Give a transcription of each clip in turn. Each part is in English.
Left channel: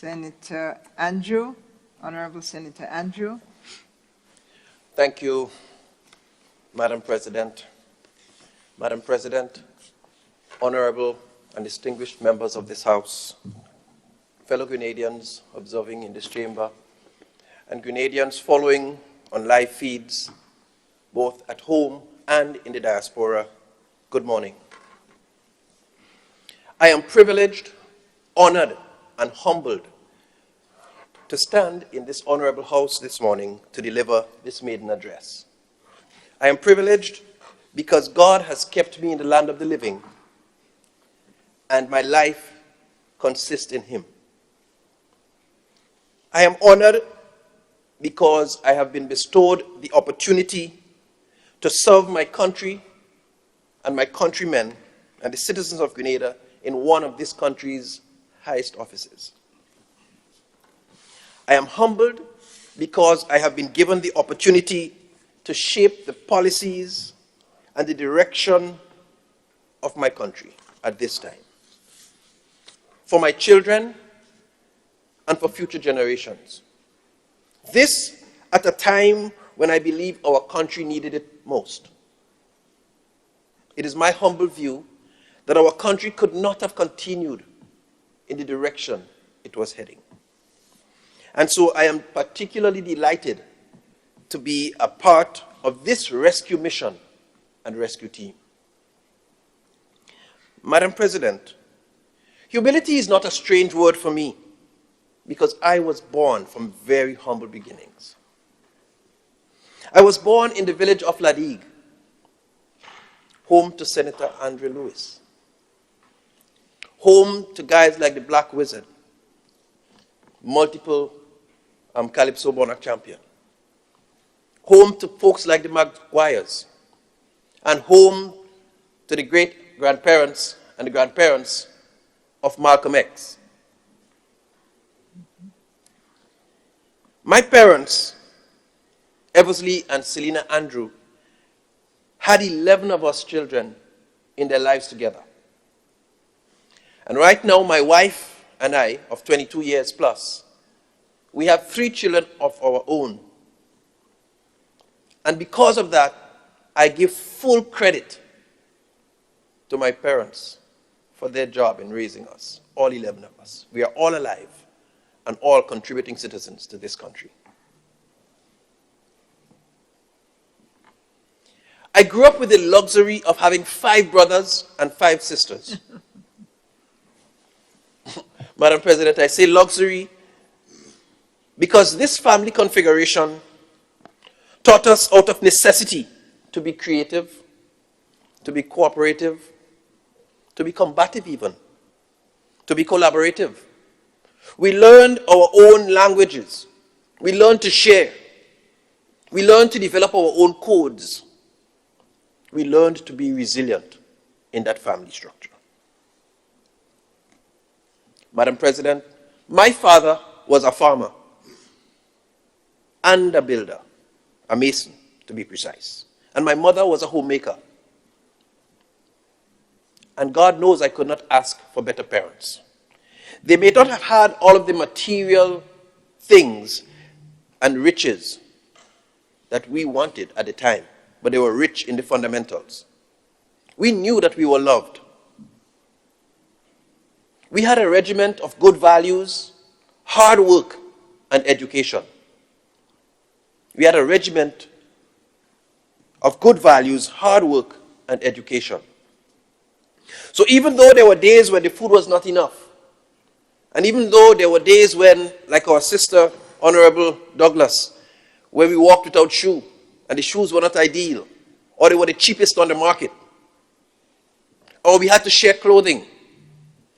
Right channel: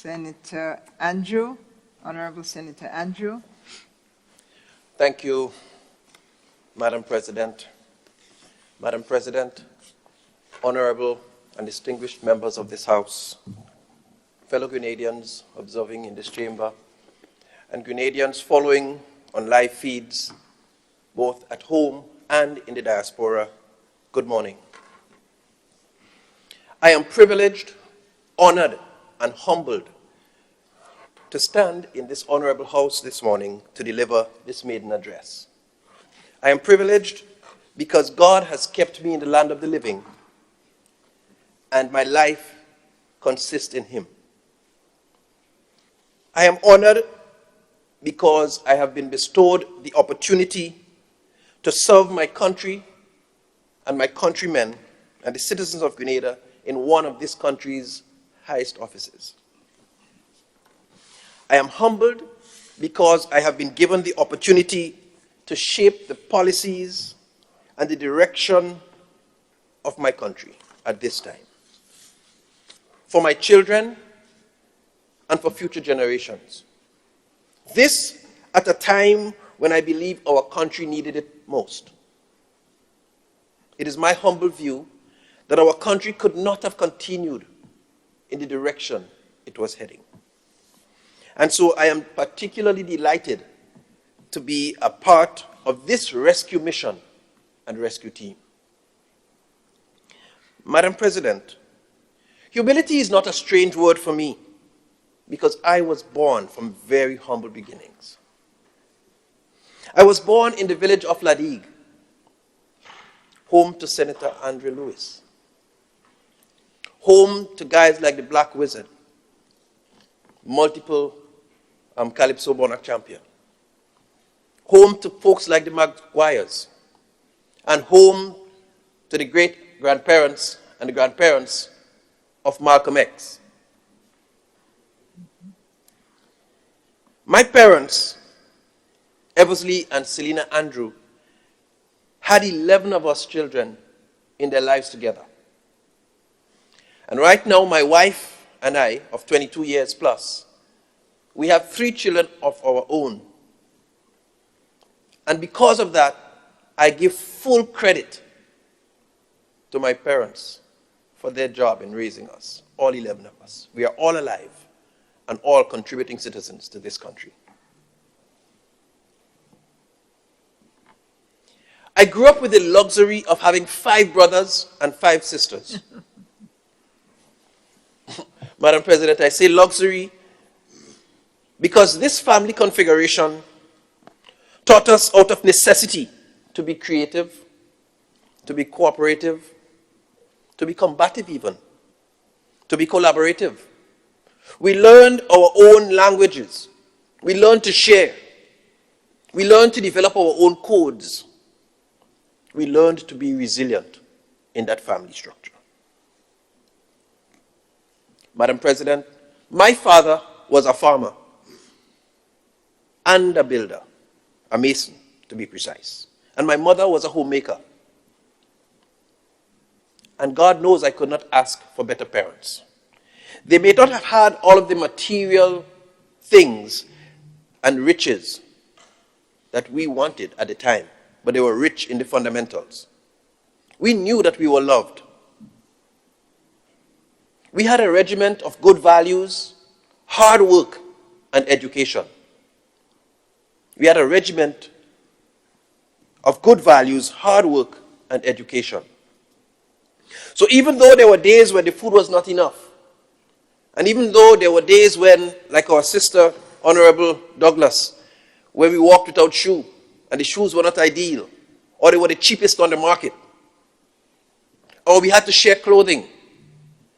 Senator Andrew, Honorable Senator Andrew. Thank you, Madam President. Madam President, honorable and distinguished members of this House, fellow Grenadians observing in this chamber, and Grenadians following on live feeds, both at home and in the diaspora, good morning. I am privileged, honored, and humbled to stand in this honorable house this morning to deliver this maiden address. I am privileged because God has kept me in the land of the living, and my life consists in Him. I am honored because I have been bestowed the opportunity to serve my country and my countrymen and the citizens of Grenada in one of this country's highest offices. I am humbled because I have been given the opportunity to shape the policies and the direction of my country at this time, for my children and for future generations. This at a time when I believe our country needed it most. It is my humble view that our country could not have continued in the direction it was heading. And so I am particularly delighted to be a part of this rescue mission and rescue team. Madam President, humility is not a strange word for me because I was born from very humble beginnings. I was born in the village of Ladigue, home to Senator Andrew Lewis, home to guys like the Black Wizard, multiple Calypso Monarch champion, home to folks like the Maguires, and home to the great-grandparents and the grandparents of Malcolm X. My parents, Eversley and Selina Andrew, had 11 of us children in their lives together. And right now, my wife and I, of 22 years plus, we have 3 children of our own. And because of that, I give full credit to my parents for their job in raising us, all 11 of us. We are all alive and all contributing citizens to this country. I grew up with the luxury of having 5 brothers and 5 sisters. Madam President, I say luxury because this family configuration taught us out of necessity to be creative, to be cooperative, to be combative even, to be collaborative. We learned our own languages. We learned to share. We learned to develop our own codes. We learned to be resilient in that family structure. Madam President, my father was a farmer and a builder, a mason to be precise. And my mother was a homemaker. And God knows I could not ask for better parents. They may not have had all of the material things and riches that we wanted at the time, but they were rich in the fundamentals. We knew that we were loved. We had a regiment of good values, hard work, and education. We had a regiment of good values, hard work, and education. So even though there were days when the food was not enough, and even though there were days when, like our sister, Honorable Douglas, where we walked without shoe, and the shoes were not ideal, or they were the cheapest on the market, or we had to share clothing,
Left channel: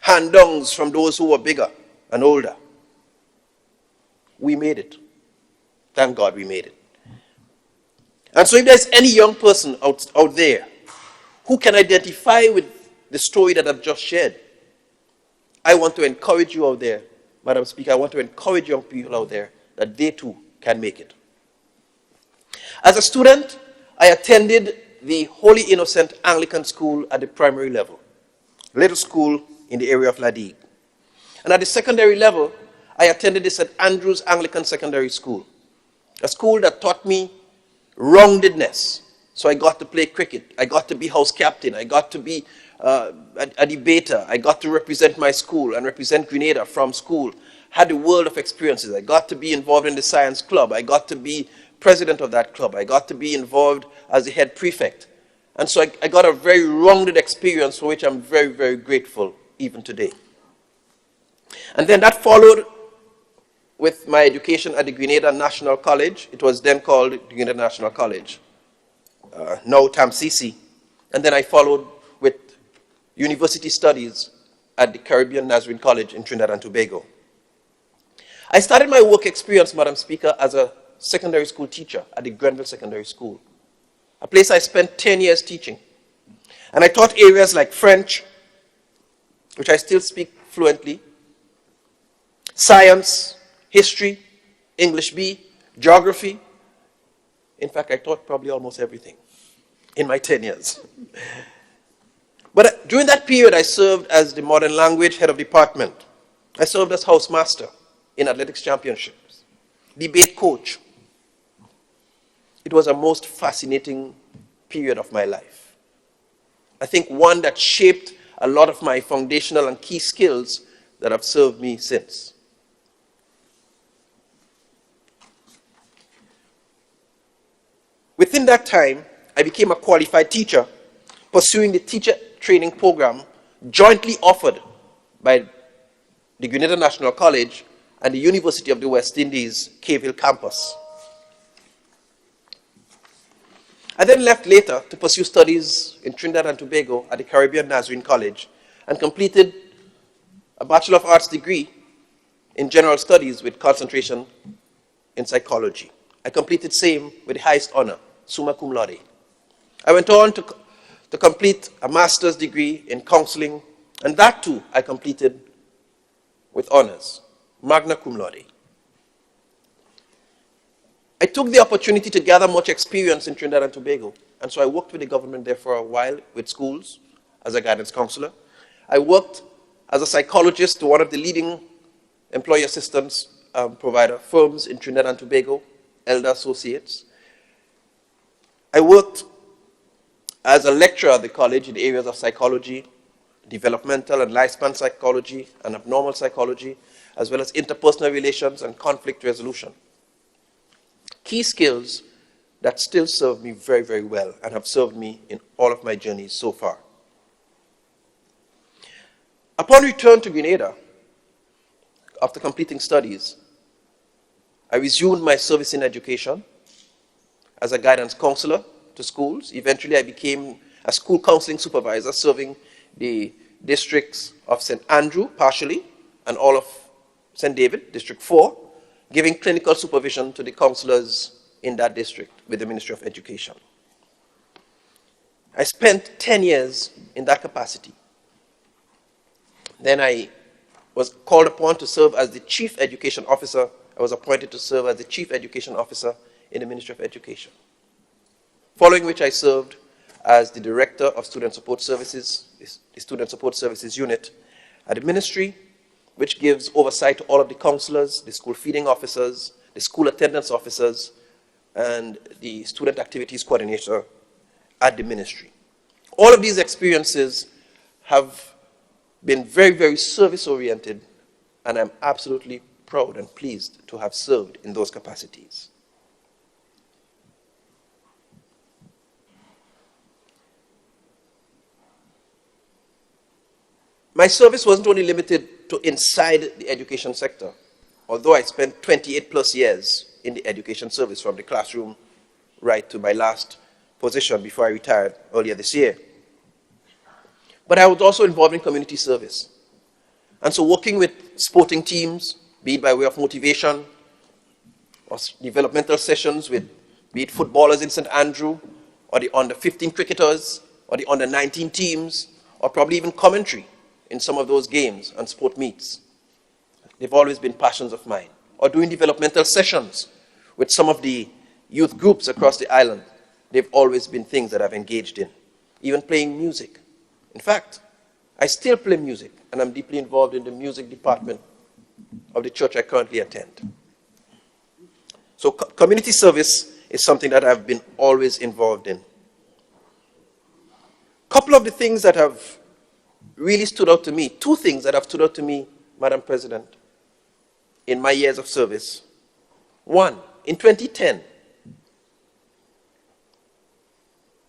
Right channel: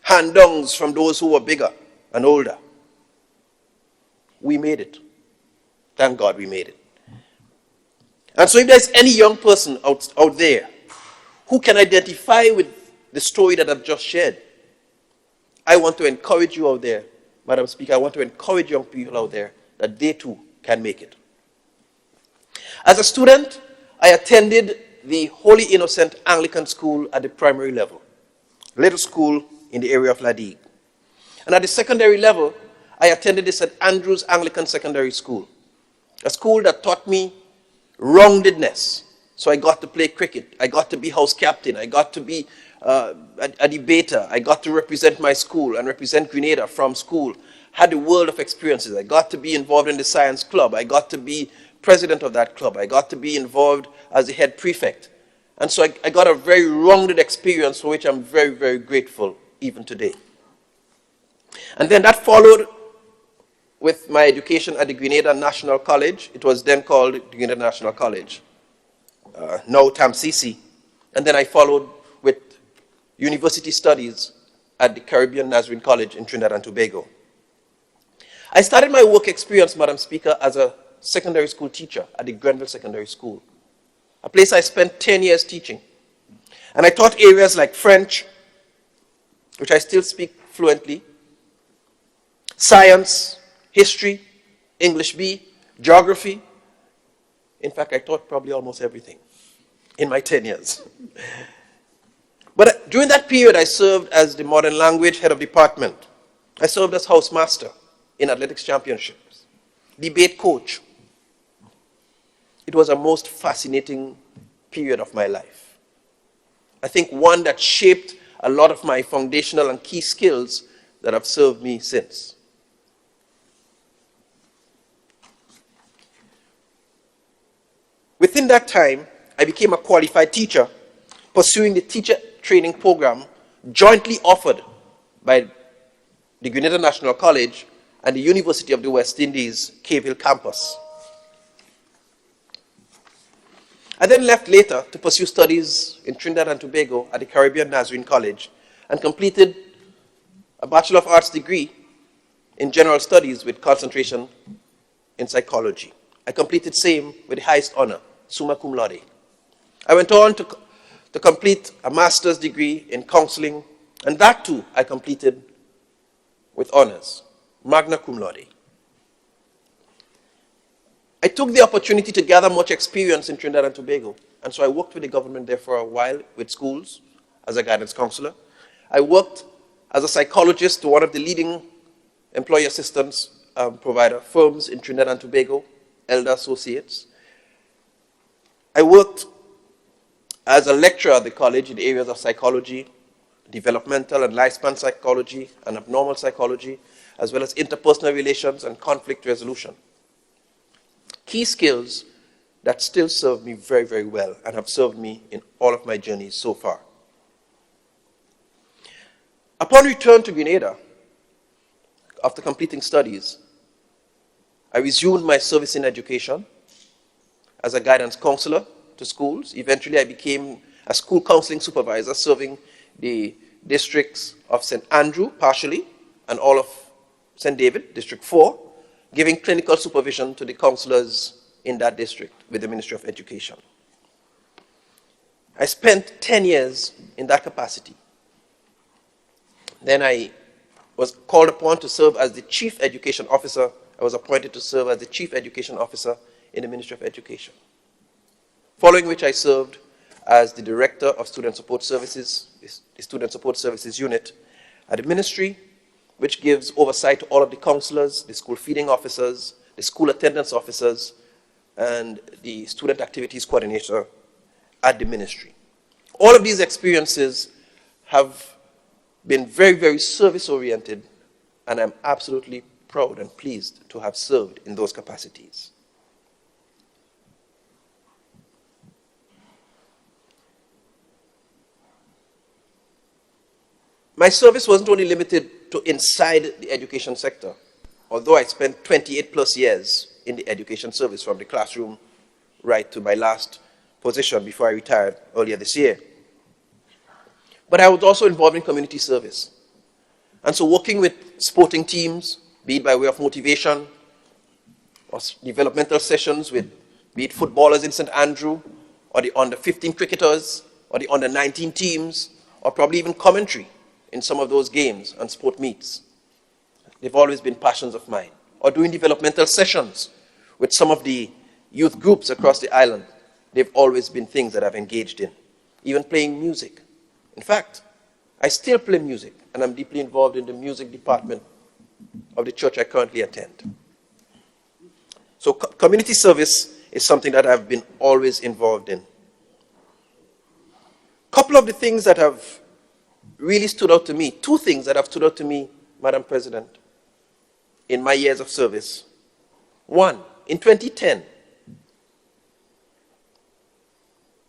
hand-downs from those who were bigger and older, we made it. Thank God we made it. And so if there's any young person out there who can identify with the story that I've just shared, I want to encourage you out there, Madam Speaker, I want to encourage young people out there that they too can make it. As a student, I attended the Holy Innocent Anglican School at the primary level, little school in the area of Ladigue. And at the secondary level, I attended the St. Andrew's Anglican Secondary School, a school that taught me roundedness. So I got to play cricket, I got to be house captain, I got to be a debater, I got to represent my school and represent Grenada from school, had a world of experiences. I got to be involved in the science club, I got to be president of that club, I got to be involved as the head prefect. And so I got a very rounded experience for which I'm very, very grateful even today. And then that followed with my education at the Grenada National College. It was then called the Grenada National College, now TAMCC. And then I followed with university studies at the Caribbean Nazarene College in Trinidad and Tobago. I started my work experience, Madam Speaker, as a secondary school teacher at the Grenada Secondary School, a place I spent 10 years teaching. And I taught areas like French, which I still speak fluently, science, history, English B, geography. In fact, I taught probably almost everything in my 10 years. But during that period, I served as the modern language head of department. I served as housemaster in athletics championships, debate coach. It was a most fascinating period of my life. I think one that shaped a lot of my foundational and key skills that have served me since. Within that time, I became a qualified teacher, pursuing the teacher training program jointly offered by the Grenada National College and the University of the West Indies, Cave campus. I then left later to pursue studies in Trinidad and Tobago at the Caribbean Nazarene College and completed a Bachelor of Arts degree in General Studies with concentration in psychology. I completed same with the highest honor, summa cum laude. I went on to complete a master's degree in counseling, and that too I completed with honors, magna cum laude. I took the opportunity to gather much experience in Trinidad and Tobago, and so I worked with the government there for a while with schools as a guidance counselor. I worked as a psychologist to one of the leading employee assistance provider firms in Trinidad and Tobago, Elder Associates. I worked as a lecturer at the college in the areas of psychology, developmental and lifespan psychology, and abnormal psychology, as well as interpersonal relations and conflict resolution. Key skills that still serve me very, very well and have served me in all of my journeys so far. Upon return to Grenada, after completing studies, I resumed my service in education as a guidance counselor to schools. Eventually, I became a school counseling supervisor serving the districts of St. Andrew, partially, and all of St. David, District 4, giving clinical supervision to the counselors in that district with the Ministry of Education. I spent 10 years in that capacity. Then I was called upon to serve as the Chief Education Officer. I was appointed to serve as the Chief Education Officer in the Ministry of Education. Following which I served as the Director of Student Support Services, the Student Support Services Unit at the Ministry, which gives oversight to all of the counselors, the school feeding officers, the school attendance officers, and the student activities coordinator at the ministry. All of these experiences have been very, very service-oriented, and I'm absolutely proud and pleased to have served in those capacities. My service wasn't only limited to inside the education sector, although I spent 28 plus years in the education service from the classroom right to my last position before I retired earlier this year. But I was also involved in community service. And so working with sporting teams, be it by way of motivation, or developmental sessions with, be it footballers in St. Andrew, or the under-15 cricketers, or the under-19 teams, or probably even commentary in some of those games and sport meets. They've always been passions of mine. Or doing developmental sessions with some of the youth groups across the island. They've always been things that I've engaged in. Even playing music. In fact, I still play music, and I'm deeply involved in the music department of the church I currently attend. So community service is something that I've been always involved in. Couple of the things that have really stood out to me, two things that have stood out to me, Madam President, in my years of service. One, in 2010,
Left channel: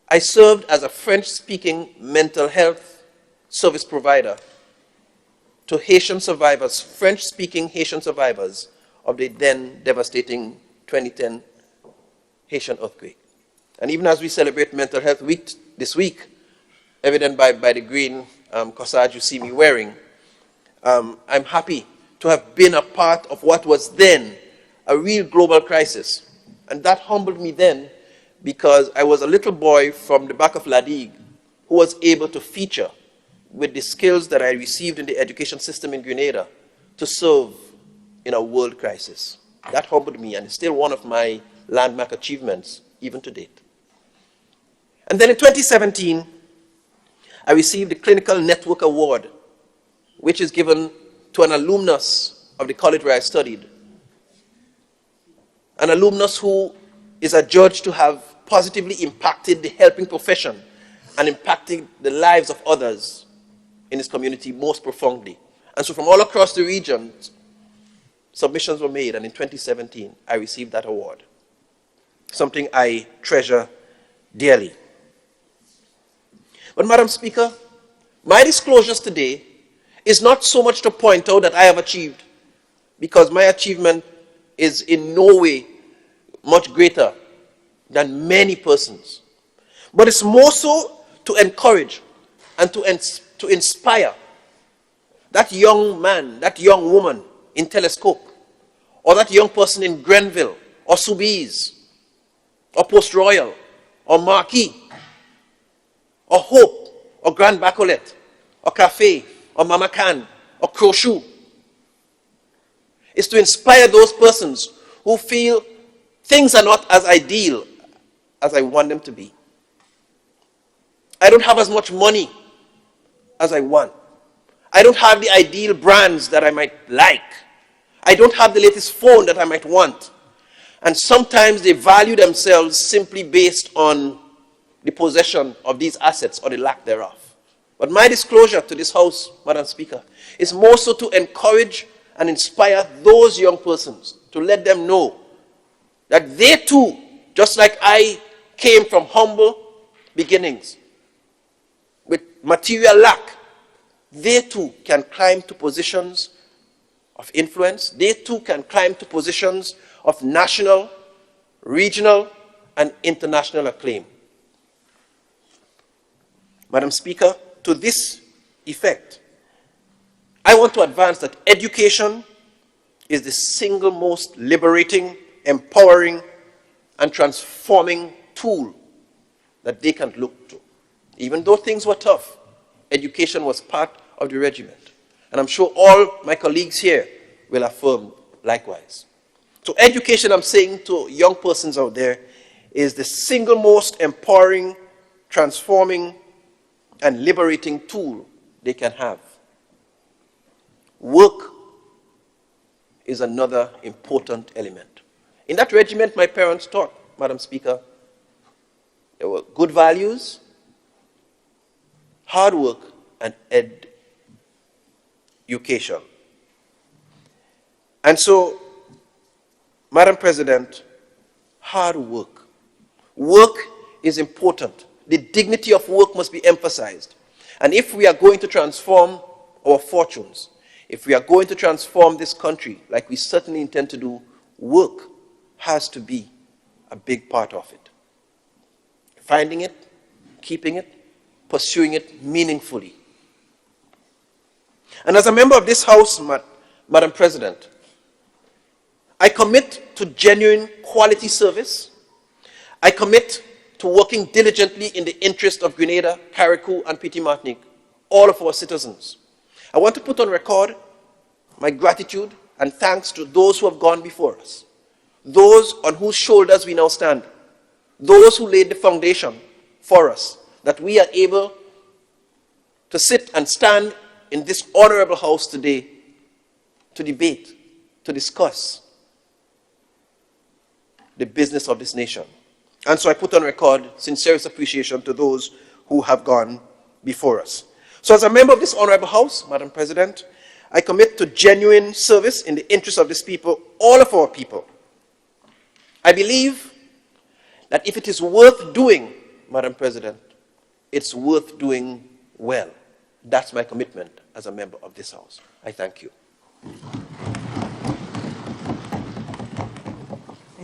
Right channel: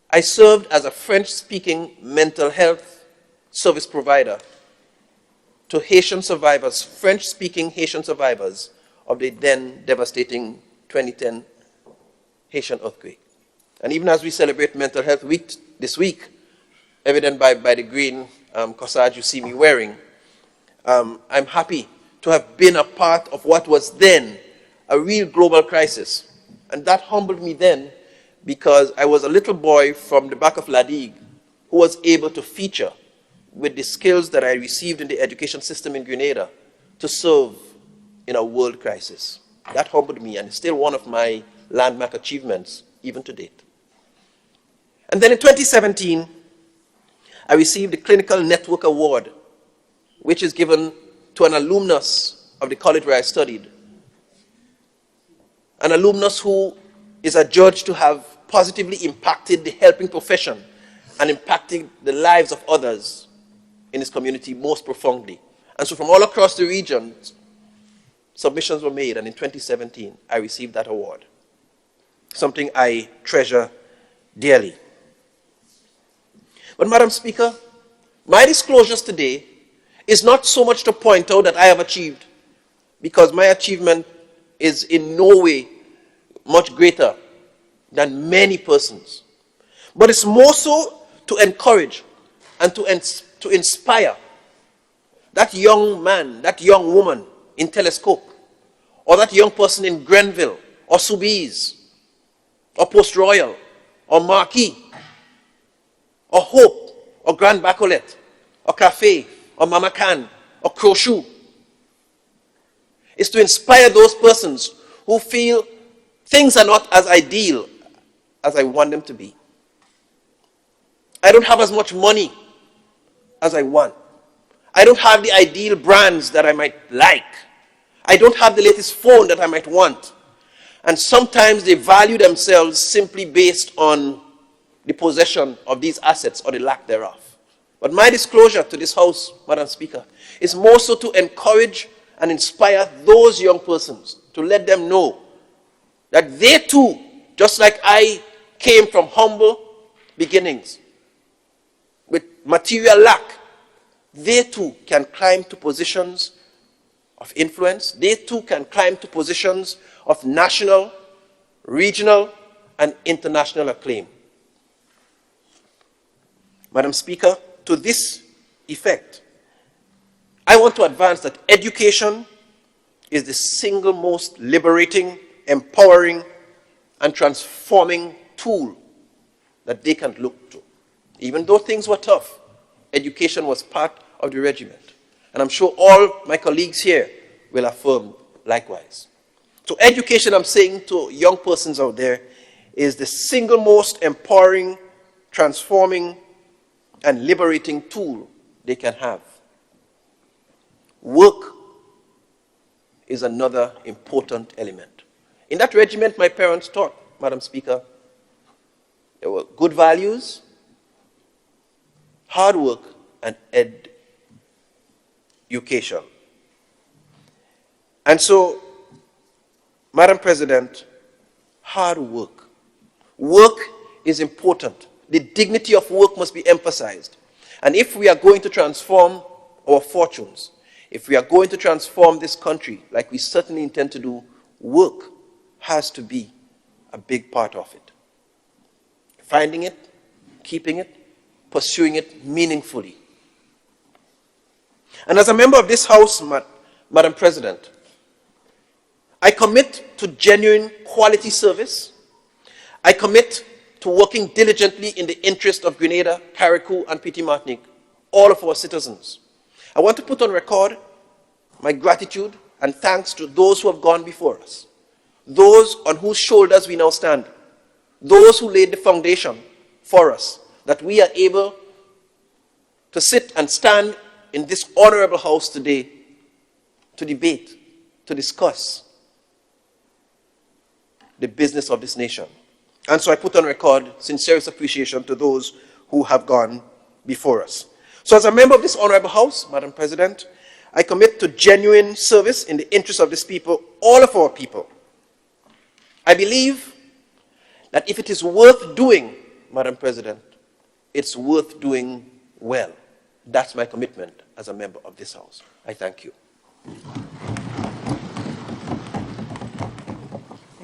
I served as a French-speaking mental health service provider to Haitian survivors, French-speaking Haitian survivors of the then devastating 2010 Haitian earthquake. And even as we celebrate Mental Health Week this week, evident by the green corsage you see me wearing, I'm happy to have been a part of what was then a real global crisis. And that humbled me then because I was a little boy from the back of La Digue who was able to feature with the skills that I received in the education system in Grenada to serve in a world crisis. That humbled me, and it's still one of my landmark achievements even to date. And then in 2017, I received the Clinical Network Award, which is given to an alumnus of the college where I studied. An alumnus who is adjudged to have positively impacted the helping profession and impacting the lives of others in his community most profoundly. And so from all across the region, submissions were made, and in 2017, I received that award. Something I treasure dearly. But Madam Speaker, my disclosures today is not so much to point out that I have achieved, because my achievement is in no way much greater than many persons. But it's more so to encourage and to inspire that young man, that young woman in Telescope, or that young person in Grenville, or Soubise, or Post Royal, or Marquis, or Hope, or Grand Bacolet, or Café, or Mama Can, or Crochet. Is to inspire those persons who feel things are not as ideal as I want them to be. I don't have as much money as I want. I don't have the ideal brands that I might like. I don't have the latest phone that I might want. And sometimes they value themselves simply based on the possession of these assets or the lack thereof. But my disclosure to this House, Madam Speaker, is more so to encourage and inspire those young persons, to let them know that they too, just like I came from humble beginnings, with material lack, they too can climb to positions of influence. They too can climb to positions of national, regional, and international acclaim. Madam Speaker, to this effect, I want to advance that education is the single most liberating, empowering, and transforming tool that they can look to. Even though things were tough, education was part of the regiment. And I'm sure all my colleagues here will affirm likewise. So education, I'm saying to young persons out there, is the single most empowering, transforming, and liberating tool they can have. Work is another important element. In that regiment my parents taught, Madam Speaker, there were good values, hard work, and education. And so, Madam President, hard work. Work is important. The dignity of work must be emphasized. And if we are going to transform our fortunes, if we are going to transform this country, like we certainly intend to do, work has to be a big part of it. Finding it, keeping it, pursuing it meaningfully. And as a member of this House, Madam President, I commit to genuine quality service. I commit to working diligently in the interest of Grenada, Carriacou, and Petite Martinique, all of our citizens. I want to put on record my gratitude and thanks to those who have gone before us, those on whose shoulders we now stand, those who laid the foundation for us, that we are able to sit and stand in this honorable House today to debate, to discuss the business of this nation. And so I put on record sincerest appreciation to those who have gone before us. So as a member of this honorable House, Madam President, I commit to genuine service in the interest of this people, all of our people. I believe that if it is worth doing, Madam President, it's worth doing well. That's my commitment as a member of this House. I thank you.